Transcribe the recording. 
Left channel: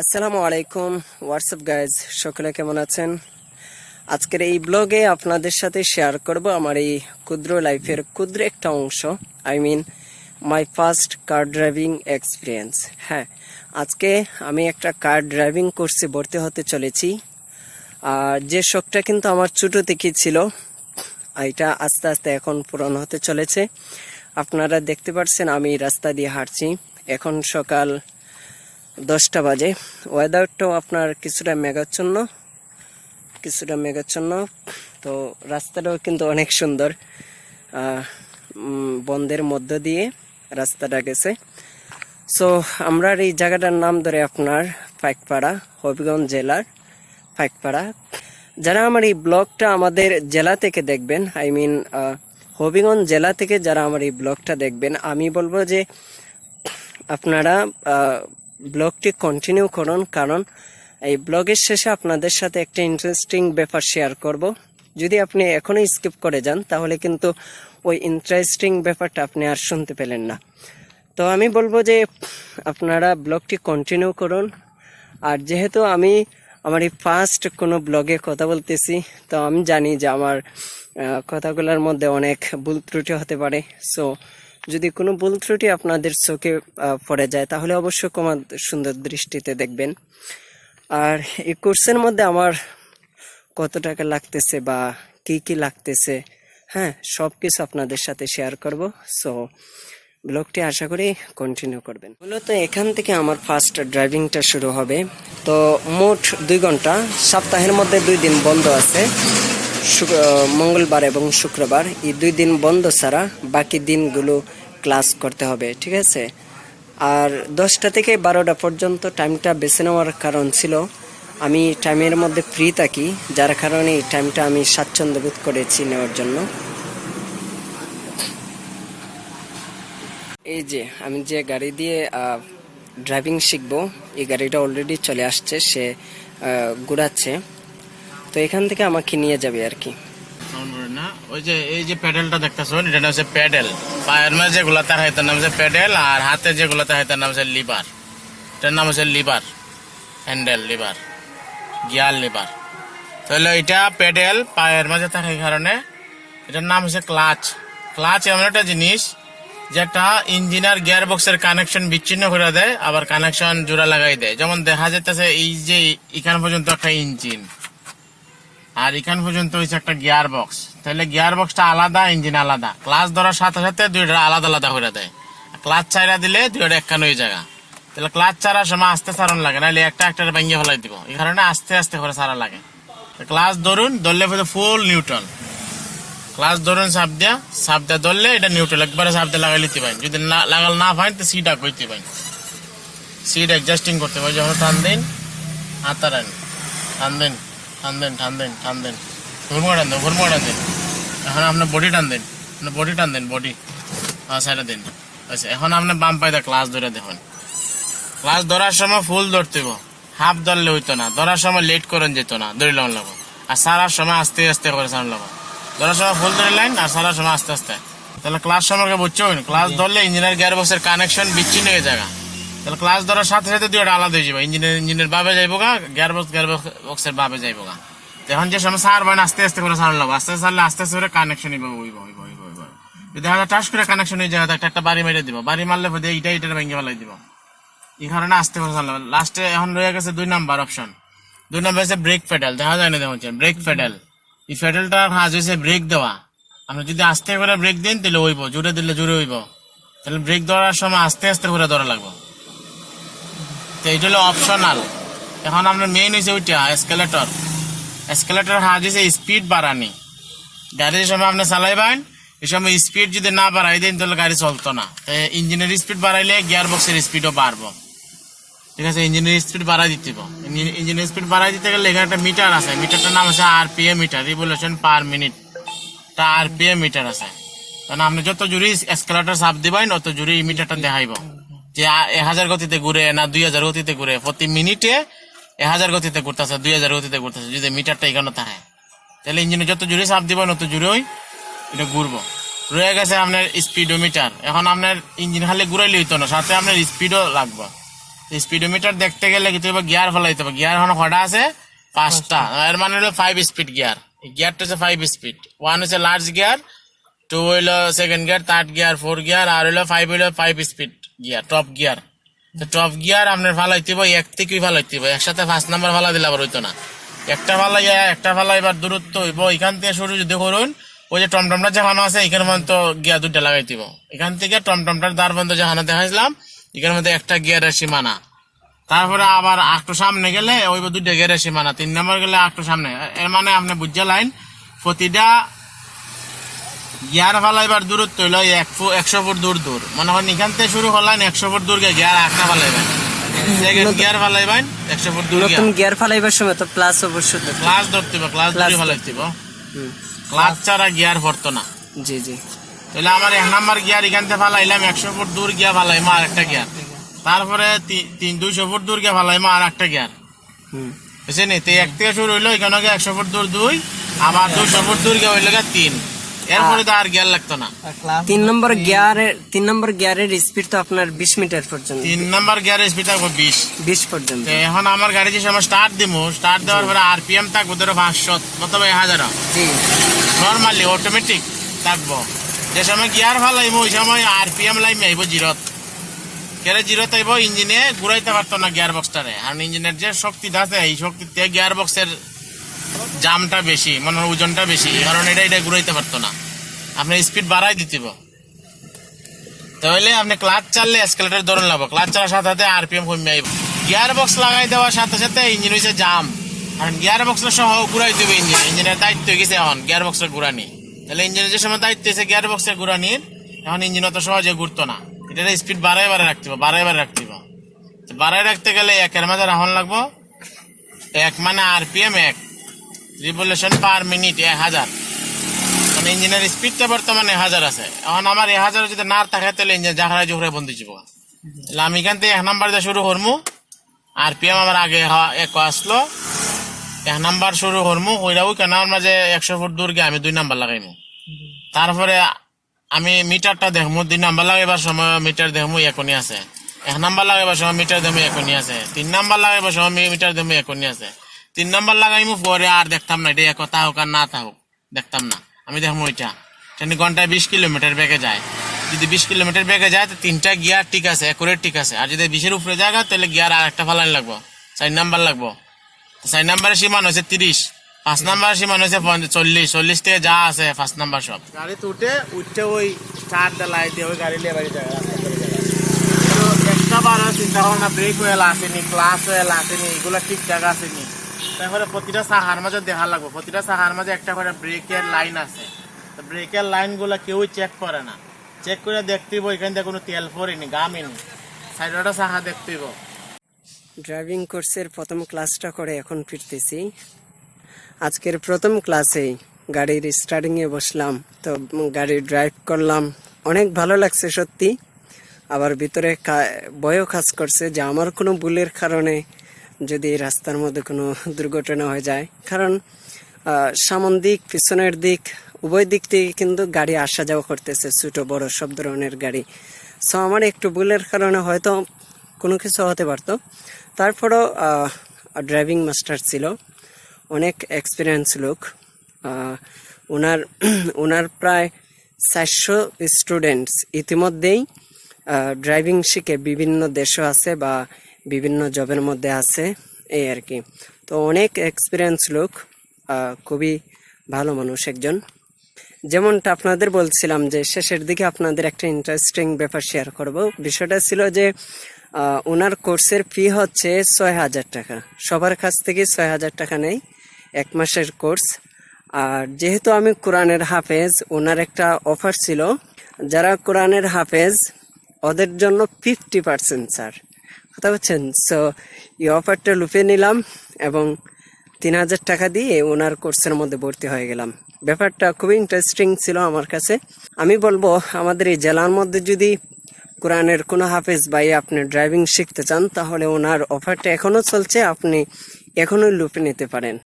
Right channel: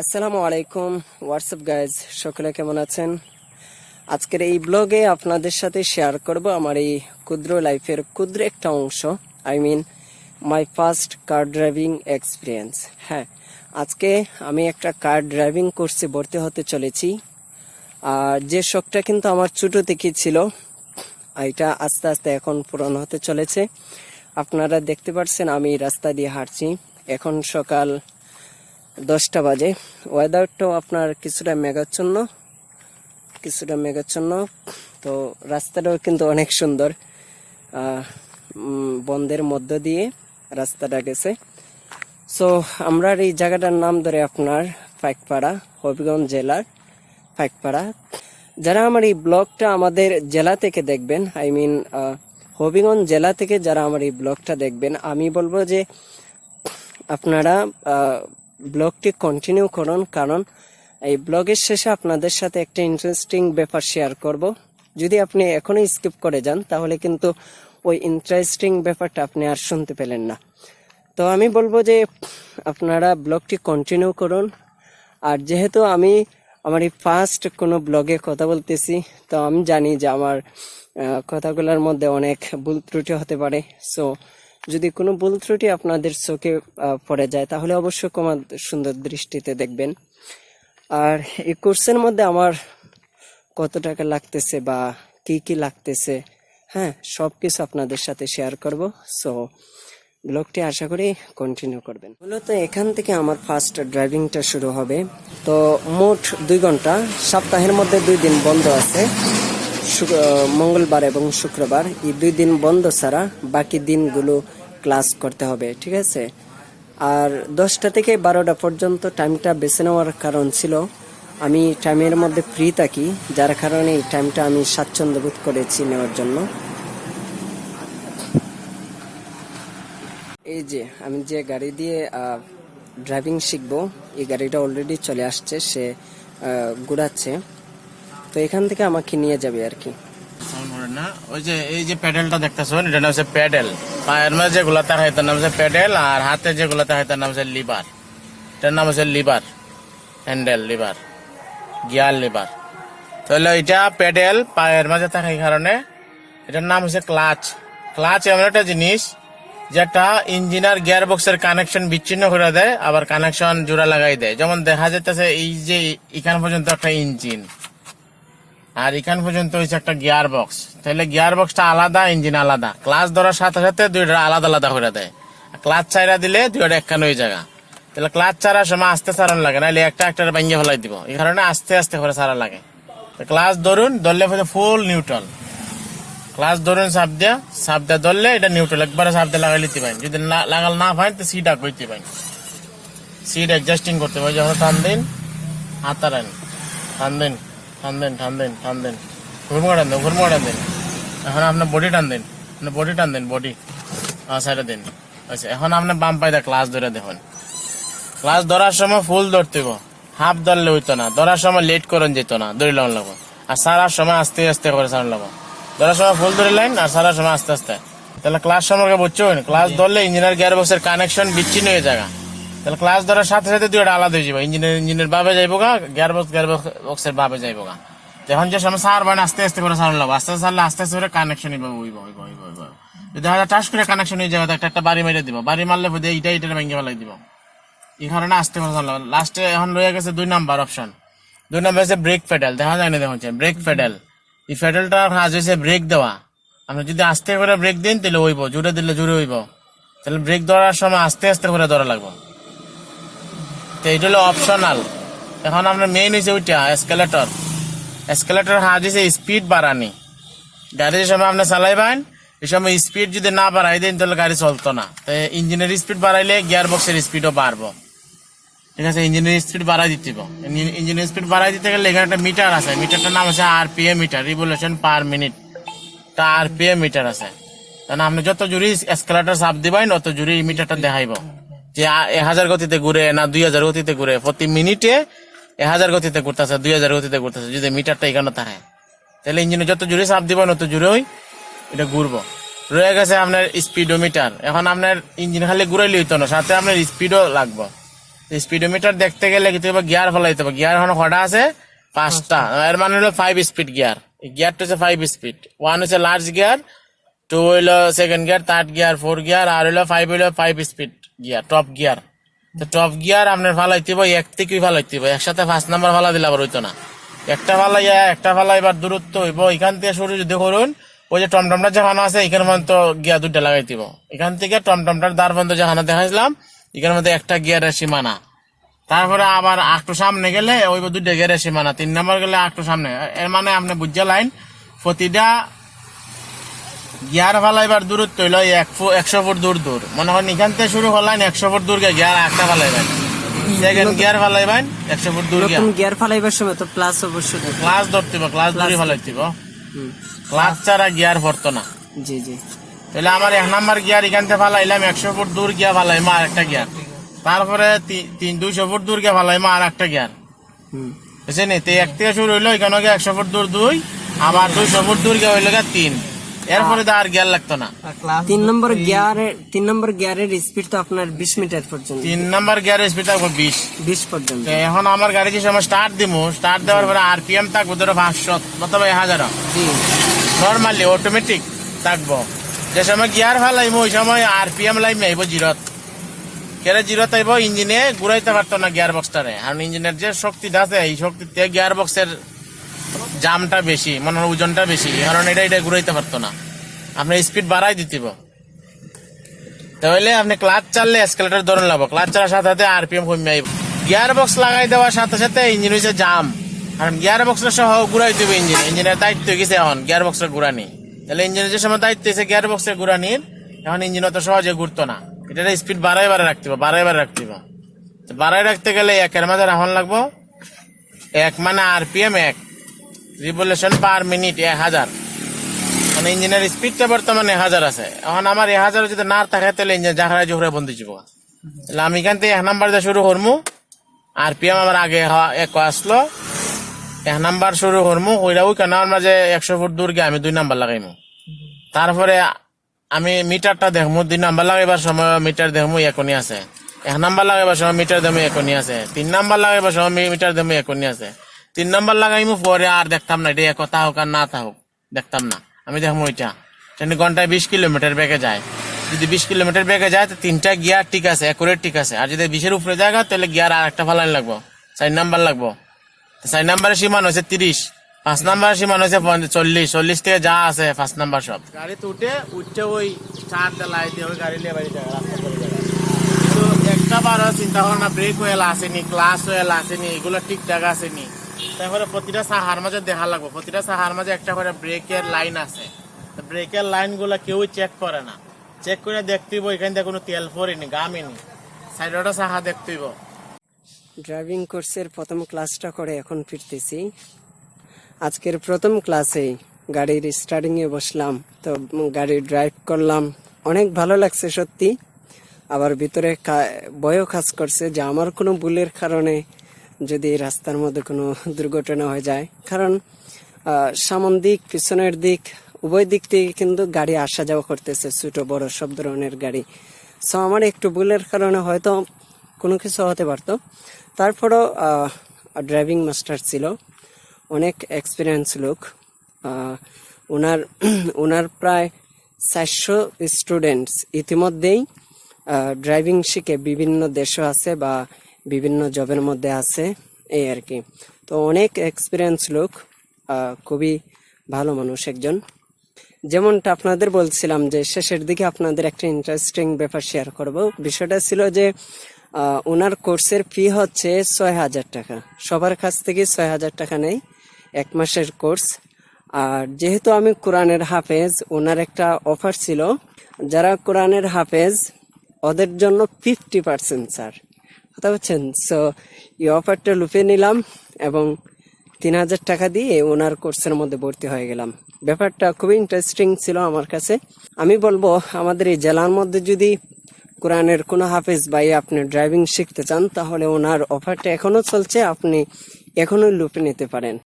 আসসালামু আলাইকুম WhatsApp guys, সকলে কেমন আছেন? আজকের এই ব্লগে আপনাদের সাথে শেয়ার করব আমার এই ক্ষুদ্র লাইফের ক্ষুদ্র একটা অংশ, my first car driving experience. হ্যাঁ, আজকে আমি একটা কার ড্রাইভিং কোর্সে ভর্তি হতে চলেছি। আর যে শখটা কিন্তু আমার ছোট থেকেই ছিল, এটা আস্তে আস্তে এখন পূরণ হতে চলেছে। আপনারা দেখতে পাচ্ছেন আমি রাস্তা দিয়ে হাঁটছি। এখন সকাল 10টা বাজে। ওয়েদারটাও আপনার কিছুটা মেঘাচ্ছন্ন, তো রাস্তাটাও কিন্তু অনেক সুন্দর। বন্ধের মধ্য দিয়ে রাস্তাটা গেছে। সো আমরা এই জায়গাটার নাম ধরে আপনার পাইকপাড়া, হবিগঞ্জ জেলার পাইকপাড়া। যারা আমার এই ব্লগটা আমাদের জেলা থেকে দেখবেন, হবিগঞ্জ জেলা থেকে যারা আমার এই ব্লগটা দেখবেন, আমি বলবো যে আপনারা ব্লগটি কন্টিনিউ করুন, কারণ এই ব্লগের শেষে আপনাদের সাথে একটা ইন্টারেস্টিং ব্যাপার শেয়ার করব। যদি আপনি এখনই স্কিপ করে যান তাহলে কিন্তু ওই ইন্টারেস্টিং ব্যাপারটা আপনি আর শুনতে পেলেন না। তো আমি বলবো যে আপনারা ব্লগটি কন্টিনিউ করুন। আর যেহেতু আমি আমার এই ফার্স্ট কোনো ব্লগে কথা বলতেছি, তো আমি জানি যে আমার কথাগুলোর মধ্যে অনেক ভুল ত্রুটি হতে পারে। সো যদি কোনো ভুল ত্রুটি আপনাদের চোখে পড়ে যায় তাহলে অবশ্যই ক্ষমা সুন্দর দৃষ্টিতে দেখবেন। আর এই কোর্সের মধ্যে আমার কত টাকা লাগতেছে বা কি লাগতেছে, হ্যাঁ, সব কিছু আপনাদের সাথে শেয়ার করব। সো ব্লগটি আশা করি কন্টিনিউ করবেন। মূলত এখান থেকে আমার ফার্স্ট ড্রাইভিংটা শুরু হবে। তো মোট 2 ঘন্টা, সপ্তাহের মধ্যে 2 দিন বন্ধ আছে, মঙ্গলবার এবং শুক্রবার। এই 2 দিন বন্ধ ছাড়া বাকি দিনগুলো ক্লাস করতে হবে, ঠিক আছে? আর 10টা থেকে 12টা পর্যন্ত টাইমটা বেছে নেওয়ার কারণ ছিল আমি টাইমের মধ্যে ফ্রি থাকি, যার কারণে এই টাইমটা আমি স্বাচ্ছন্দ্য বোধ করেছি নেওয়ার জন্য। এই যে আমি যে গাড়ি দিয়ে ড্রাইভিং শিখবো, এই গাড়িটা অলরেডি চলে আসছে, সে ঘুরাচ্ছে। তো এখান থেকে আমাকে নিয়ে যাবে আর কি। ওই যে এই যে প্যাডেলটা দেখতেছো, এটা নাম হচ্ছে প্যাডেল। পায়ের মাঝে যেগুলো তার হয় তার নাম হচ্ছে প্যাডেল, আর হাতে যেগুলো তার হয় তার নাম হচ্ছে লিভার। এটার নাম হচ্ছে liver, handle liver, gear liver. তাহলে এটা প্যাডেল পায়ের মাঝে থাকে কারণে এটার নাম হচ্ছে ক্লাচ। ক্লাচ এমন একটা জিনিস যেটা ইঞ্জিনার গিয়ার বক্সের কানেকশন বিচ্ছিন্ন করে দেয়, আবার কানেকশন জোড়া লাগাই দেয়। যেমন দেখা যাইতেছে এই যে এখান পর্যন্ত একটা ইঞ্জিন, আর এখান পর্যন্ত হচ্ছে একটা গিয়ার বক্স। তাহলে গিয়ার বক্সটা আলাদা, ইঞ্জিন আলাদা। ক্লাচ ধরার সাথে সাথে দুইটা আলাদা আলাদা করে দেয়। ক্লাচ চাইরা দিলে দুইটা একখান হয়ে যায়। তাহলে ক্লাচ ছাড়ার সময় আস্তে ছাড়ান লাগে, নাহলে একটা ভাঙিয়ে ফেলাই দিব। এই কারণে আস্তে আস্তে করে ছাড়া লাগে। ক্লাচ ধরুন, ধরলে ফুল নিউট্রাল। ক্লাচ ধরুন, চাপ দিয়া ধরলে এটা নিউট্রাল, একবারে চাপ দিয়ে লাগাই লিতে পারেন। যদি লাগাল না পারেন তো সিট আগ করতে পারেন, সিট অ্যাডজাস্টিং করতে পারেন। যখন টান দিন, হাতা টান দেন, টান দেন, ঘুরমো টান দেন। এখন আপনার বডি টান দেন, বডি সাইডে দিন। আচ্ছা, এখন আপনার বাম পায়ে ক্লাচ ধরে দেখুন। ক্লাচ ধরার সময় ফুল ধরতে, হাফ ধরলে হইতো না। ধরার সময় লেট করেন যেত না, ধরে লাগান লাগো। আর সারার সময় আস্তে আস্তে করে সারান লাগো। ধরার সময় ফুল ধরে লাইন, আর সারার সময় আস্তে আস্তে। তাহলে ক্লাচ সম্পর্কে বুঝছো, ক্লাচ ধরলে ইঞ্জিনের গিয়ার বক্সের কানেকশন বিচ্ছিন্ন হয়ে যায়। তাহলে ক্লাচ ধরার সাথে সাথে দুইটা আলাদা হয়ে যাবে। ইঞ্জিনের বাবে যাইবো গা, গিয়ার বক্সের বাবে যাইবো গা। এখন যে সময় সার বাইন আস্তে আস্তে করে সার লাগবো, আস্তে সারলে আস্তে আস্তে করে কানেকশন হইব। যদি হয়তো টাচ করে কানেকশন হয়ে যায়, একটা বাড়ি মেরে দিব। বাড়ি মারলে এইটা ভেঙে ফেলাই দিব। এই কারণে আস্তে করে সার লাগবে। লাস্টে এখন লইয়া গেছে 2 নাম্বার অপশন। 2 নাম্বার হচ্ছে ব্রেক প্যাডেল। দেখা যায় না, দেখুন ব্রেক প্যাডেল। এই প্যাডেলটা কাজ হচ্ছে ব্রেক দেওয়া। আপনি যদি আস্তে করে ব্রেক দিন তাহলে হইব, জোরে দিলে জোরে হইব। তাহলে ব্রেক ধরার সময় আস্তে আস্তে করে ধরা লাগবে। তো এটা হলো অপশনাল। এখন আপনার মেইন হচ্ছে ওইটা এসকেলেটর হাত হচ্ছে স্পিড বাড়ানি। গাড়ির সময় আপনি চালাইবেন, এই সময় স্পিড যদি না বাড়াই দেন তাহলে গাড়ি চলতো না। তাই ইঞ্জিনের স্পিড বাড়াইলে গিয়ার বক্সের স্পিডও বাড়বো, ঠিক আছে? ইঞ্জিনের স্পিড বাড়াই দিতে হবে। ইঞ্জিনের স্পিড বাড়াই দিতে গেলে এখানে একটা মিটার আছে, মিটারটার নাম আছে RPM meter, revolution per minute. তা আরপিএম মিটার আছে। কারণ আপনি যত জোরে এসকেলেটর চাপ দিবেন অত জোরে এই মিটারটা দেখাইব যে 1000 গতিতে ঘুরে না 2000 গতিতে ঘুরে। প্রতি মিনিটে 1000 গতিতে ঘুরতেছে, 2000 গতিতে ঘুরতেছে। যদি মিটারটা এখানে থাকে তাহলে ইঞ্জিনে যত জোরে চাপ দিবেন অত জোরেই এটা ঘুরবো। রয়ে গেছে আপনার স্পিডোমিটার। এখন আপনার ইঞ্জিন খালি ঘুরাইলে হইতো না, সাথে আপনার স্পিডও লাগবে। স্পিডোমিটার দেখতে গেলে কি তুই গিয়ার ফেলাইতে হবে, গিয়ার এখন কটা আছে 5টা, এর মানে হলো 5 স্পিড গিয়ার। গিয়ারটা হচ্ছে 5 স্পিড, 1 হচ্ছে লার্জ গিয়ার, 2 হইলো second gear, 3rd gear, 4th gear, আর হইলো 5 হইলো 5 স্পিড গিয়ার, টপ গিয়ার। তো টপ গিয়ার আপনার ফালাইতে হবে, এক থেকে ফালাইতে হবে, একসাথে 5 নাম্বার ফালা দিলে আবার হইতো না। একটা ফালাইবার দূরত্ব হইব এখান থেকে শুরু যদি করুন, ওই যে টমটমটা যেখানে আছে এখানে পর্যন্ত গিয়ার 2টা লাগাই দিব। এখান থেকে টমটমটার দ্বার বন্ধ যেখানে দেখাইছিলাম এখানের মধ্যে একটা গিয়ারের সীমানা। তারপরে আবার একটু সামনে গেলে ওই 2টা গিয়ারের সীমানা, 3 নম্বর গেলে একটু সামনে। এর মানে আপনি বুঝে লাইন প্রতিটা গিয়ার ফালাইবার দূরত্ব হইল 100 ফুট দূর দূর। মনে করেন এখান থেকে শুরু করলেন 100 ফুট দূরকে গিয়ার একটা ফালাইবেন, সেকেন্ড গিয়ার ফালাইবেন 100 ফুট দূর। নতুন গিয়ার ফালাইবার সময় তো প্লাস অবশ্যই ক্লাস ধরতে হবে, ক্লাস ধরে ফালাইতে হবে, ক্লাস ছাড়া গিয়ার পড়তো না। জি জি। তাহলে আমার 1 নাম্বার গিয়ার এখান থেকে ফালাইলাম, 100 ফুট দূর গিয়া ফালাইমা আর একটা গিয়ার, তারপরে 200 ফুট দূর গিয়া ফালাইমা আর একটা গিয়ার, বুঝছেন? এক থেকে শুরু হইলো এখানে 100 ফুট দূর 2, আবার 200 ফুট দূর গিয়া হইলো 3, এরপরে আর গিয়ার লাগতো না। 3 নম্বর গিয়ারের স্পিড তো আপনার 20 মিটার পর্যন্ত। 3 নাম্বার গিয়ারের স্পিড থাকবে 20 পর্যন্ত। এখন আমার গাড়ি যে সময় স্টার্ট দিব, স্টার্ট দেওয়ার পরে আরপিএম থাকবে ধরো 500 অথবা 1000, জি নর্মালি অটোমেটিক থাকবো। যে সময় গিয়ার ফালাইবো ওই সময় আরপিএম লাইমে আইব 0, কেরে 0 আইব, ইঞ্জিনে ঘুরাইতে পারতো না গিয়ার বক্সটারে। আর ইঞ্জিনের যে শক্তিটা আছে এই শক্তিতে গিয়ার বক্সের জামটা বেশি, মানে ওজনটা বেশি, কারণ এটা ঘুরাইতে পারতো না। আপনি স্পিড বাড়াই দিতে, তাহলে আপনি ক্লাচ চাললে এসকেলেটর ধরে লাগবো, ক্লাচ চালার সাথে সাথে আরপিএম কমে আইব। গিয়ার বক্স লাগাই দেওয়ার সাথে সাথে ইঞ্জিন হচ্ছে জাম, কারণ গিয়ার বক্সটা সহ ঘুরাই দিবে ইঞ্জিন। ইঞ্জিনের দায়িত্ব হয়ে গেছে এখন গিয়ার বক্সের ঘুরানি। তাহলে ইঞ্জিনের যে সময় দায়িত্ব হয়েছে গিয়ার বক্সের ঘুরানির, এখন ইঞ্জিন অত সহজে ঘুরতো না। এটা স্পিড বাড়াই রাখতে হবে, বাড়াই রাখতে গেলে 1-এর মাঝে রাখন লাগবো। 1 মানে আরপিএম 1, রিভলিউশন পার মিনিট 1000, মানে ইঞ্জিনের স্পিডটা বর্তমানে 1000 আছে। এখন আমার 1000 যদি না থাকে তাহলে ইঞ্জিন জাহাজ জোরে বন্ধ যাব। তাহলে আমি এখান থেকে 1 নাম্বার দিয়ে শুরু করবো, আরপিএম আমার আগে 1 আসলো, 1 নাম্বার শুরু করবো, ওইটাও কেন আমরা যে 100 ফুট দূর গিয়ে আমি 2 নাম্বার লাগাইমু। তারপরে আমি মিটারটা দেখবো, 2 নাম্বার লাগাইবার সময় মিটার দেখবো এখনই আছে, 1 নাম্বার লাগাইবার সময় মিটার দেখবো এখনই আছে, 3 নাম্বার লাগাইবার সময় মিটার দেখবো এখনই আছে। 3 নাম্বার লাগাইমু, পরে আর দেখতাম না এটা একতা হোক আর না থাকুক, দেখতাম না। আমি দেখবো ওইটা ঘন্টায় 20 কিলোমিটার বেগে যায়। যদি 20 কিলোমিটার বেগে যায় তো 3টা গিয়ার ঠিক আছে, একুরেট ঠিক আছে। আর যদি 20-এর উপরে যায় তাহলে গিয়ার আর একটা ফালাইন লাগবো, 4 নাম্বার লাগবো। 4 নাম্বারের সীমান হচ্ছে 30, 5 নাম্বারের সীমান হচ্ছে 40 থেকে যা আছে 5 নাম্বার সব গাড়িতে উঠতে ওই চার লাইতে ওই গাড়ি নিয়ে বাড়ি যায়, রাস্তা করে যায়। তো একটা বার চিন্তা ভাবনা ব্রেক ওয়েল আসেনি, ক্লাস ওয়েল আসেনি, এগুলো ঠিকঠাক আসেনি। তারপরে প্রতিটা সাহার মাঝে দেখা লাগবো, প্রতিটা সাহার মাঝে একটা করে ব্রেকের লাইন আছে। তো ব্রেকের লাইন গুলা কেউই চেক করে না, চেক করে দেখতেইব এখান থেকে কোনো তেল পড়েনি, গামেনি, সাইডটা সাহা দেখতেইব। ড্রাইভিং কোর্সের প্রথম ক্লাসটা করে এখন ফিরতেছি। আজকের প্রথম ক্লাসেই গাড়ির স্টার্টিং এ বসলাম, তো গাড়ি ড্রাইভ করলাম, অনেক ভালো লাগছে সত্যি। আবার ভিতরে ভয়ও কাজ করছে যে আমার কোনো ভুলের কারণে যদি রাস্তার মধ্যে কোনো দুর্ঘটনা হয়ে যায়, কারণ সামন দিক পিছনের দিক উভয় দিক থেকে কিন্তু গাড়ি আসা যাওয়া করতেছে, ছোট বড় সব ধরনের গাড়ি। সো আমার একটু ভুলের কারণে হয়তো কোনো কিছু হতে পারতো। তারপরও ড্রাইভিং মাস্টার ছিল, অনেক এক্সপিরিয়েন্স লোক। ওনার প্রায় 400 স্টুডেন্টস ইতিমধ্যেই ড্রাইভিং শিখে বিভিন্ন দেশে আছে বা বিভিন্ন জবের মধ্যে আছে, এই আর কি। তো অনেক এক্সপিরিয়েন্স লোক, খুবই ভালো মানুষ একজন। যেমনটা আপনাদের বলছিলাম যে শেষের দিকে আপনাদের একটা ইন্টারেস্টিং ব্যাপার শেয়ার করব। বিষয়টা ছিল যে ওনার কোর্সের ফি হচ্ছে 6000 টাকা, সবার কাছ থেকে 6000 টাকা নেই, 1 মাসের কোর্স। আর যেহেতু আমি কোরআনের হাফেজ, ওনার একটা অফার ছিল, যারা কোরআনের হাফেজ ওদের জন্য 50% ছাড়, কথা বলছেন। সো এই অফারটা লুফে নিলাম এবং 3000 টাকা দিয়ে ওনার কোর্সের মধ্যে ভর্তি হয়ে গেলাম। ব্যাপারটা খুবই ইন্টারেস্টিং ছিল আমার কাছে। আমি বলবো আমাদের এই জেলার মধ্যে যদি কোরআনের কোনো হাফেজ ভাই আপনি ড্রাইভিং শিখতে চান, তাহলে ওনার অফারটা এখনো চলছে, আপনি এখনোই লুফে নিতে পারেন।